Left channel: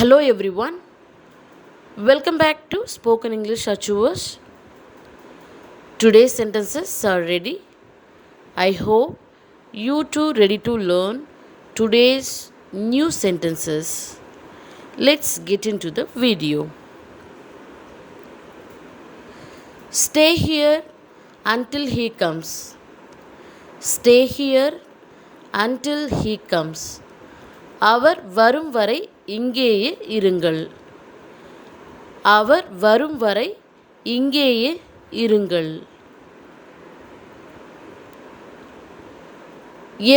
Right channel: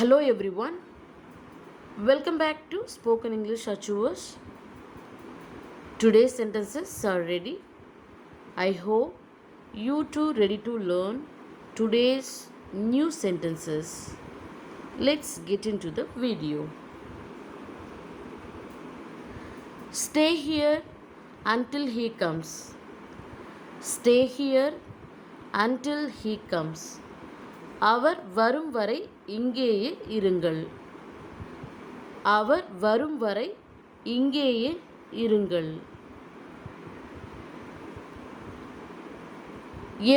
Hello everyone, welcome back to Spoken English Achievers. Today's sentences are ready. I hope you too ready to learn today's new sentences. Let's get into the video. Stay here until he comes. Stay here until he comes. அவர் வரும் வரை இங்கேயே இருங்கள். அவர் வரும் வரை இங்கேயே இருங்கள்.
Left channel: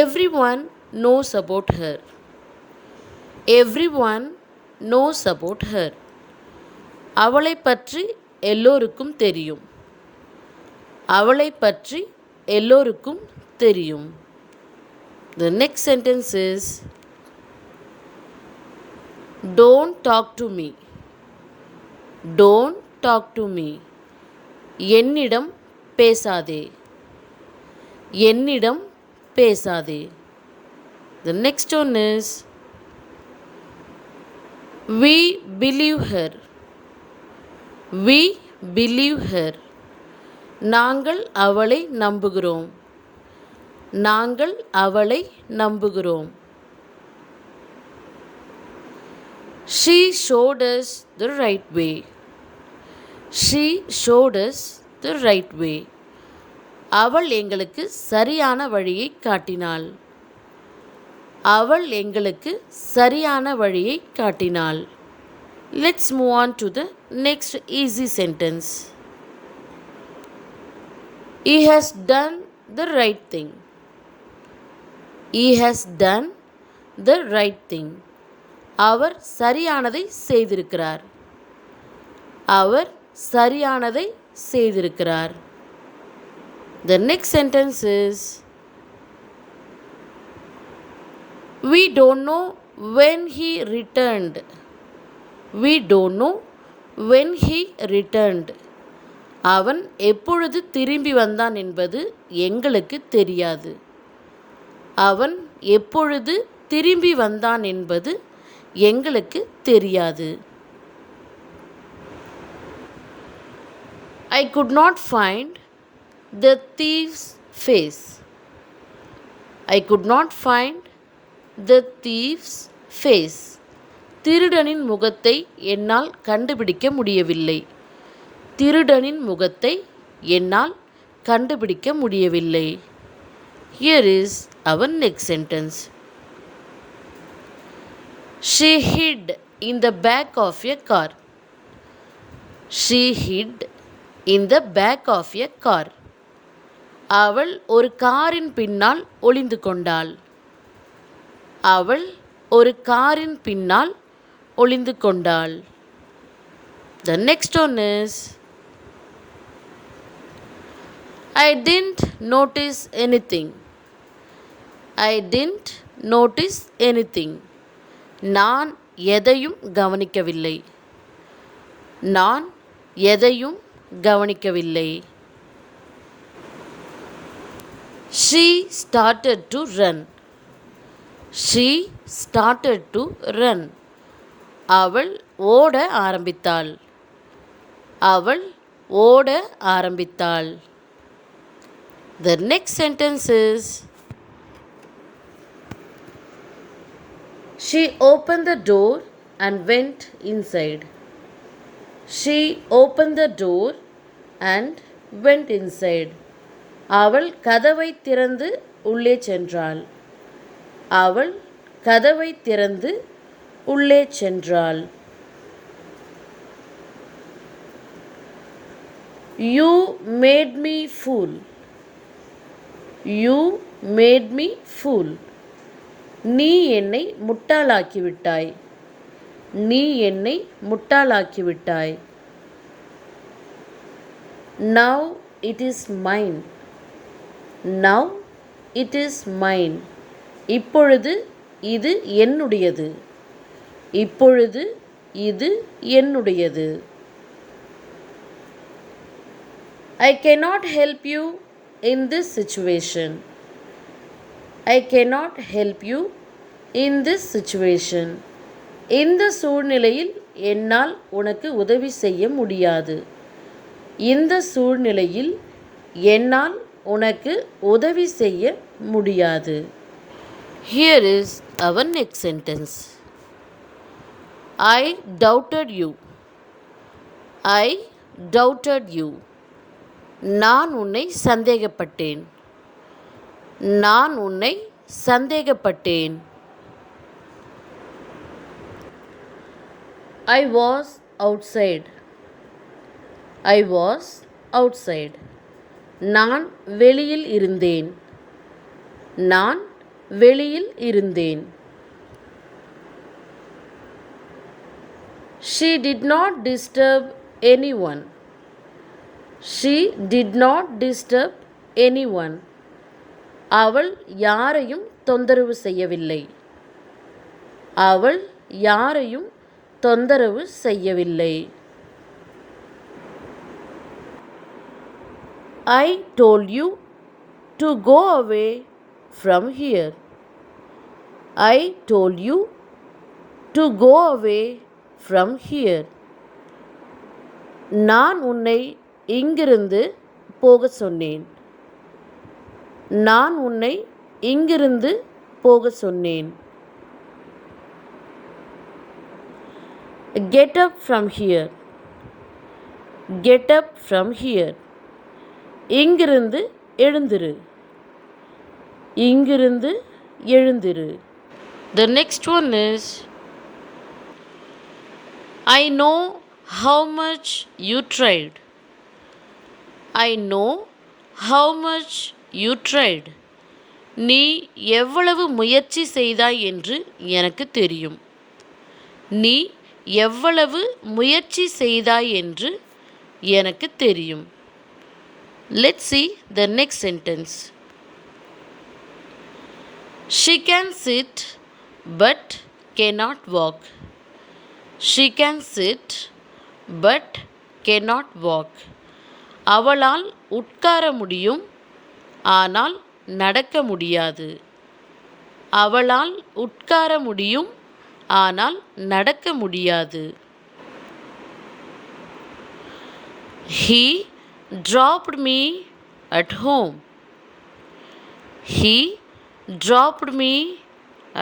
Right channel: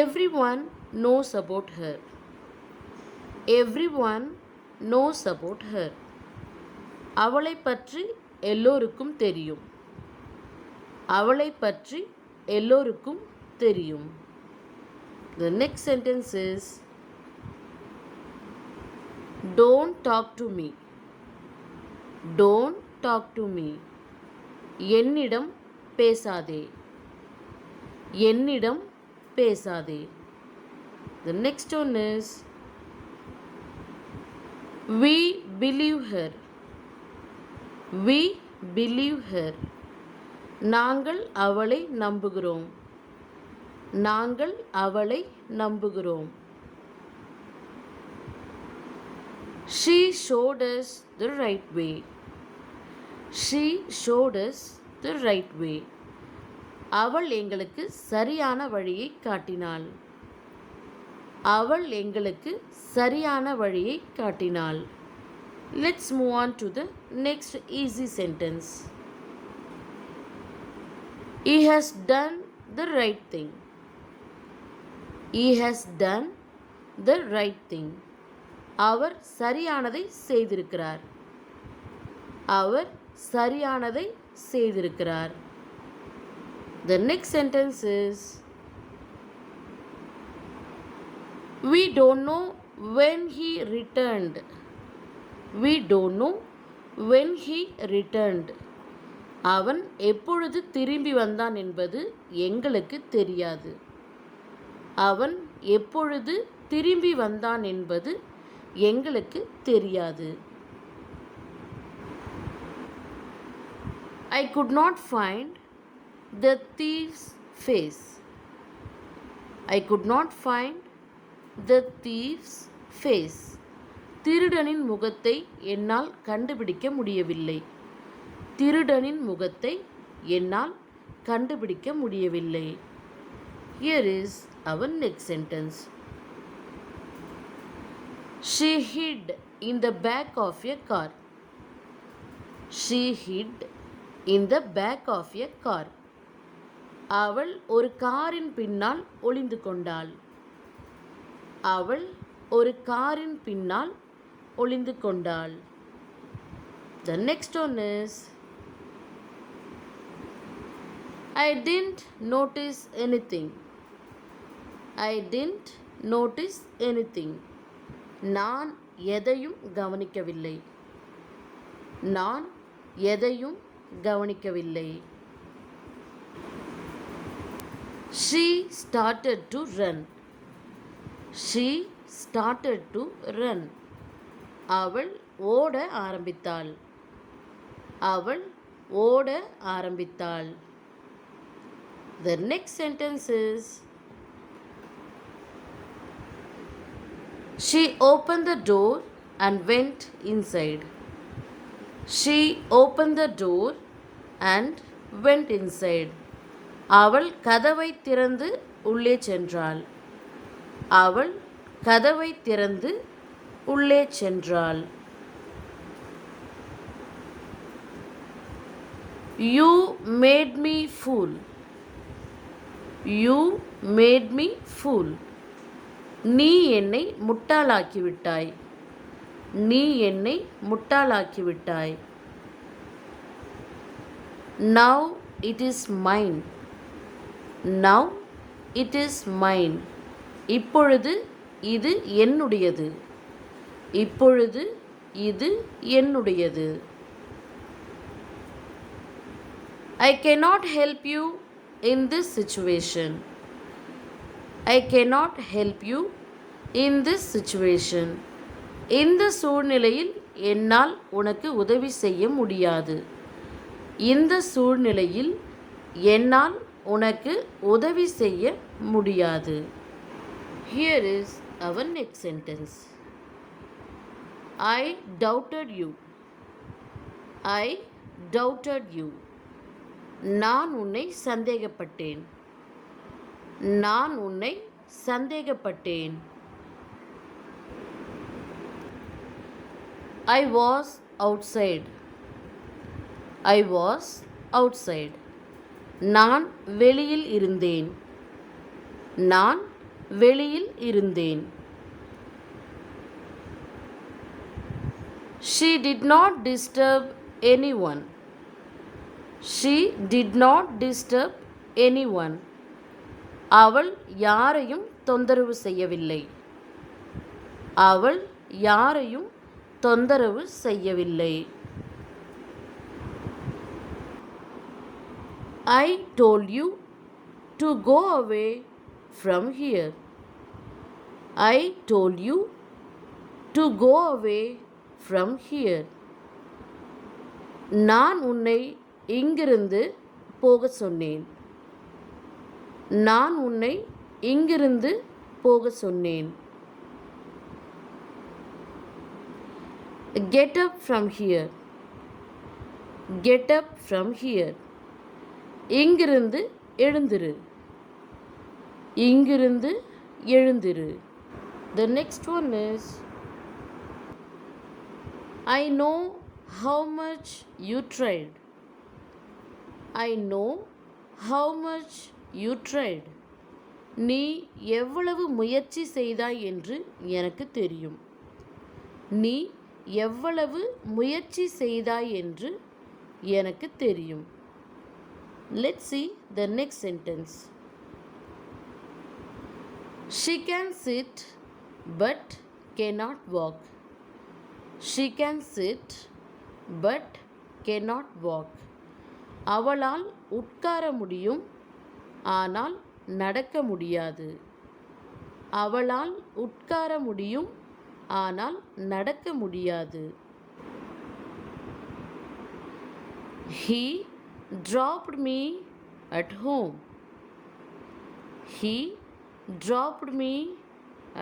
Everyone knows about her. Everyone knows about her. அவளை பற்றி எல்லோருக்கும் தெரியும். அவளை பற்றி எல்லோருக்கும் தெரியும். The next sentence is Don't talk to me. Don't talk to me. என்னிடம் பேசாதே. என்னிடம் பேசாதே. The next one is We believe her. We believe her. நாங்கள் அவளை நம்புகிறோம். நாங்கள் அவளை நம்புகிறோம். She showed us the right way. She showed us the right way. அவள் எங்களுக்கு சரியான வழியை காட்டினாள். அவள் எங்களுக்கு சரியான வழியை காட்டினாள். Let's move on to the next easy sentence. He has done the right thing. He has done the right thing. அவர் சரியானதை செய்திருக்கிறார். அவர் சரியானதை செய்திருக்கிறார். The next sentence is We don't know when he returned. We don't know when he returned. அவன் எப்பொழுது திரும்பி வந்தான் என்பது எங்களுக்கு தெரியாது. அவன் எப்பொழுது திரும்பி வந்தான் என்பது எங்களுக்கு தெரியாது. I could not find the thief's face. I could not find the thief's face. திருடனின் முகத்தை என்னால் கண்டுபிடிக்க முடியவில்லை. திருடனின் முகத்தை என்னால் கண்டுபிடிக்க முடியவில்லை. Here is our next sentence. She hid in the back of a car. She hid in the back of a car. அவள் ஒரு காரின் பின்னால் ஒளிந்து கொண்டாள். அவள் ஒரு காரின் பின்னால் ஒளிந்து கொண்டாள். The next one is I didn't notice anything. I didn't notice anything. நான் எதையும் கவனிக்கவில்லை. நான் எதையும் கவனிக்கவில்லை. She started to run. She started to run. அவள் ஓட ஆரம்பித்தாள். அவள் ஓட ஆரம்பித்தாள். The next sentence is She opened the door and went inside. She opened the door and went inside. அவள் கதவை திறந்து உள்ளே சென்றாள். அவள் கதவை திறந்து உள்ளே சென்றாள். You made me fool. You made me fool. நீ என்னை முட்டாளாக்கிவிட்டாய். நீ என்னை முட்டாளாக்கிவிட்டாய். Now it is mine. Now it is mine. இப்பொழுது இது என்னுடையது. இப்பொழுது இது என்னுடையது. I cannot help you in this situation. I cannot help you in this situation. இந்த சூழ்நிலையில் என்னால் உனக்கு உதவி செய்ய முடியாது. இந்த சூழ்நிலையில் என்னால் உனக்கு உதவி செய்ய முடியாது. Here is our next sentence. I doubted you. I doubted you. நான் உன்னை சந்தேகப்பட்டேன். நான் உன்னை சந்தேகப்பட்டேன். I was outside. I was outside. நான் வெளியில் இருந்தேன். நான் வெளியில் இருந்தேன். She did not disturb anyone. She did not disturb anyone. அவள் யாரையும் தொந்தரவு செய்யவில்லை. அவள் யாரையும் தொந்தரவு செய்யவில்லை. I told you to go away from here. I told you to go away from here. நான் உன்னை இங்கிருந்து போக சொன்னேன். நான் உன்னை இங்கிருந்து போக சொன்னேன். Get up from here. Get up from here. இங்கிருந்து எழுந்திரு. இங்கிருந்து எழுந்திரு. The next one is, I know how much you tried. I know how much you tried. நீ எவ்வளவு முயற்சி செய்தாய் என்று எனக்கு தெரியும். நீ எவ்வளவு முயற்சி செய்தாய் என்று எனக்கு தெரியும். Let's see the next sentence. She can sit but cannot walk. She can sit but cannot walk. அவளால் உட்கார முடியும், ஆனால் நடக்க முடியாது. அவளால் உட்கார முடியும், ஆனால் நடக்க முடியாது. He dropped me at home. He dropped me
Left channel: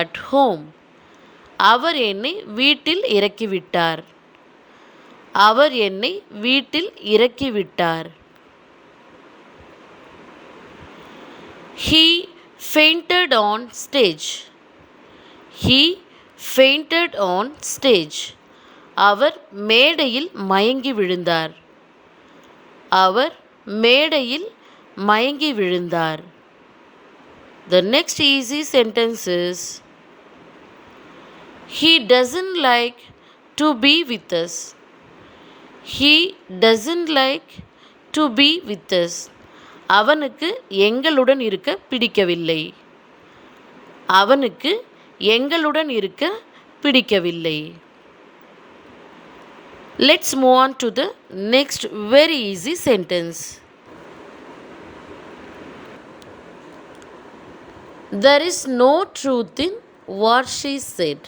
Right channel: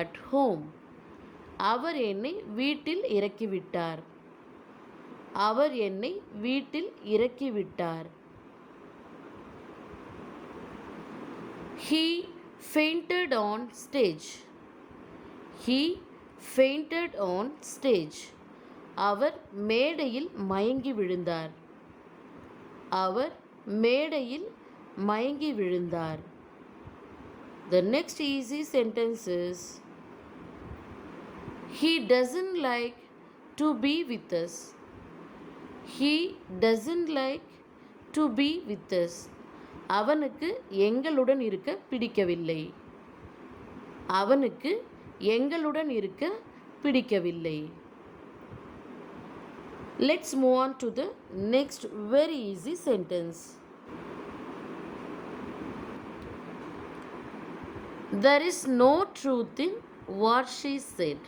at home. அவர் என்னை வீட்டில் இறக்கிவிட்டார். அவர் என்னை வீட்டில் இறக்கிவிட்டார். He fainted on stage. He fainted on stage. அவர் மேடையில் மயங்கி விழுந்தார். அவர் மேடையில் மயங்கி விழுந்தார். The next easy sentence is, he doesn't like to be with us. He doesn't like to be with us. அவனுக்கு எங்களுடன் இருக்க பிடிக்கவில்லை. அவனுக்கு எங்களுடன் இருக்க பிடிக்கவில்லை. Let's move on to the next very easy sentence. There is no truth in what she said.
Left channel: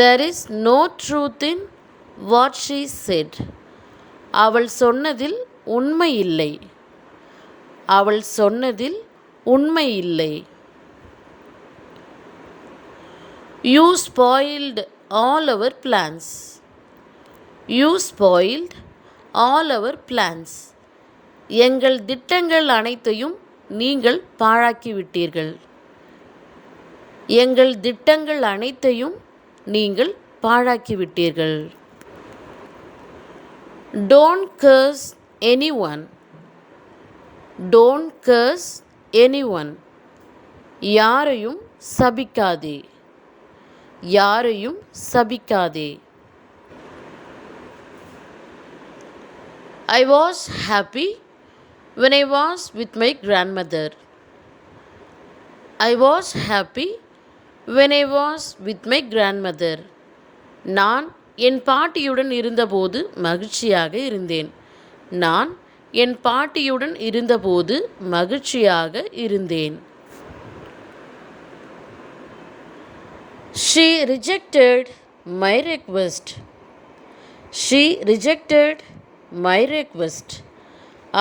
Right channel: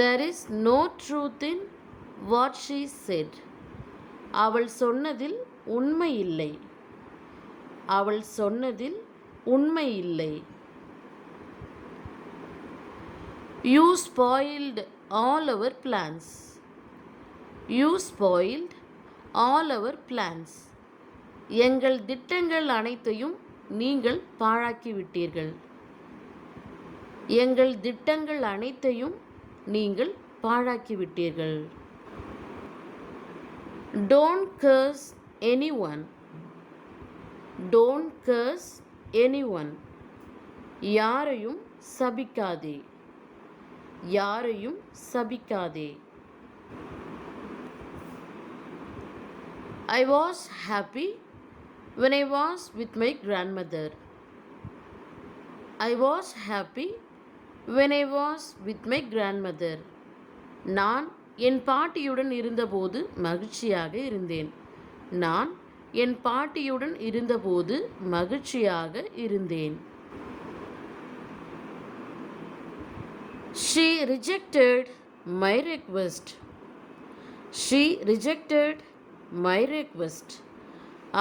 There is no truth in what she said. அவள் சொன்னதில் உண்மை இல்லை. அவள் சொன்னதில் உண்மை இல்லை. You spoiled all our plans. You spoiled all our plans. எங்கள் திட்டங்கள் அனைத்தையும் நீங்கள் பாழாக்கிவிட்டீர்கள். எங்கள் திட்டங்கள் அனைத்தையும் நீங்கள் பாழாக்கிவிட்டீர்கள். Don't curse anyone. Don't curse anyone. யாரையும் சபிக்காதே. யாரையும் சபிக்காதே. I was happy when I was with my grandmother. I was happy when I was with my grandmother. நான் என் பாட்டியுடன் இருந்தபோது மகிழ்ச்சியாக இருந்தேன். நான் என் பாட்டியுடன் இருந்தபோது மகிழ்ச்சியாக இருந்தேன். She rejected my request. She rejected my request.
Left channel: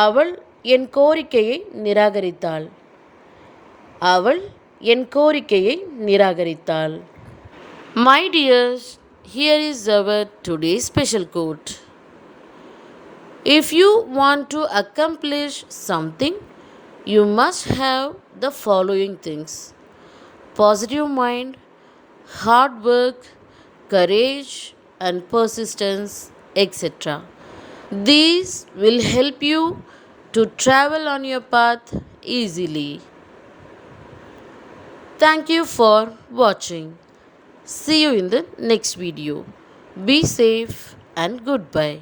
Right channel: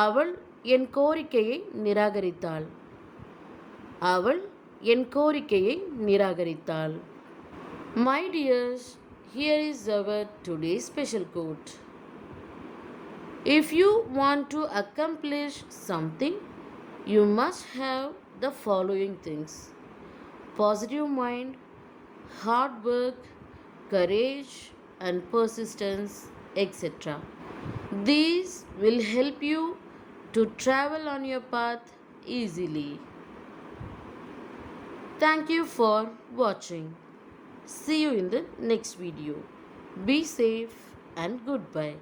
அவள் என் கோரிக்கையை நிராகரித்தாள். அவள் என் கோரிக்கையை நிராகரித்தாள். My dears, here is our today's special quote. If you want to accomplish something, you must have the following things: positive mind, hard work, courage, and persistence, etc. These will help you to travel on your path easily. Thank you for watching. See you in the next video. Be safe and goodbye.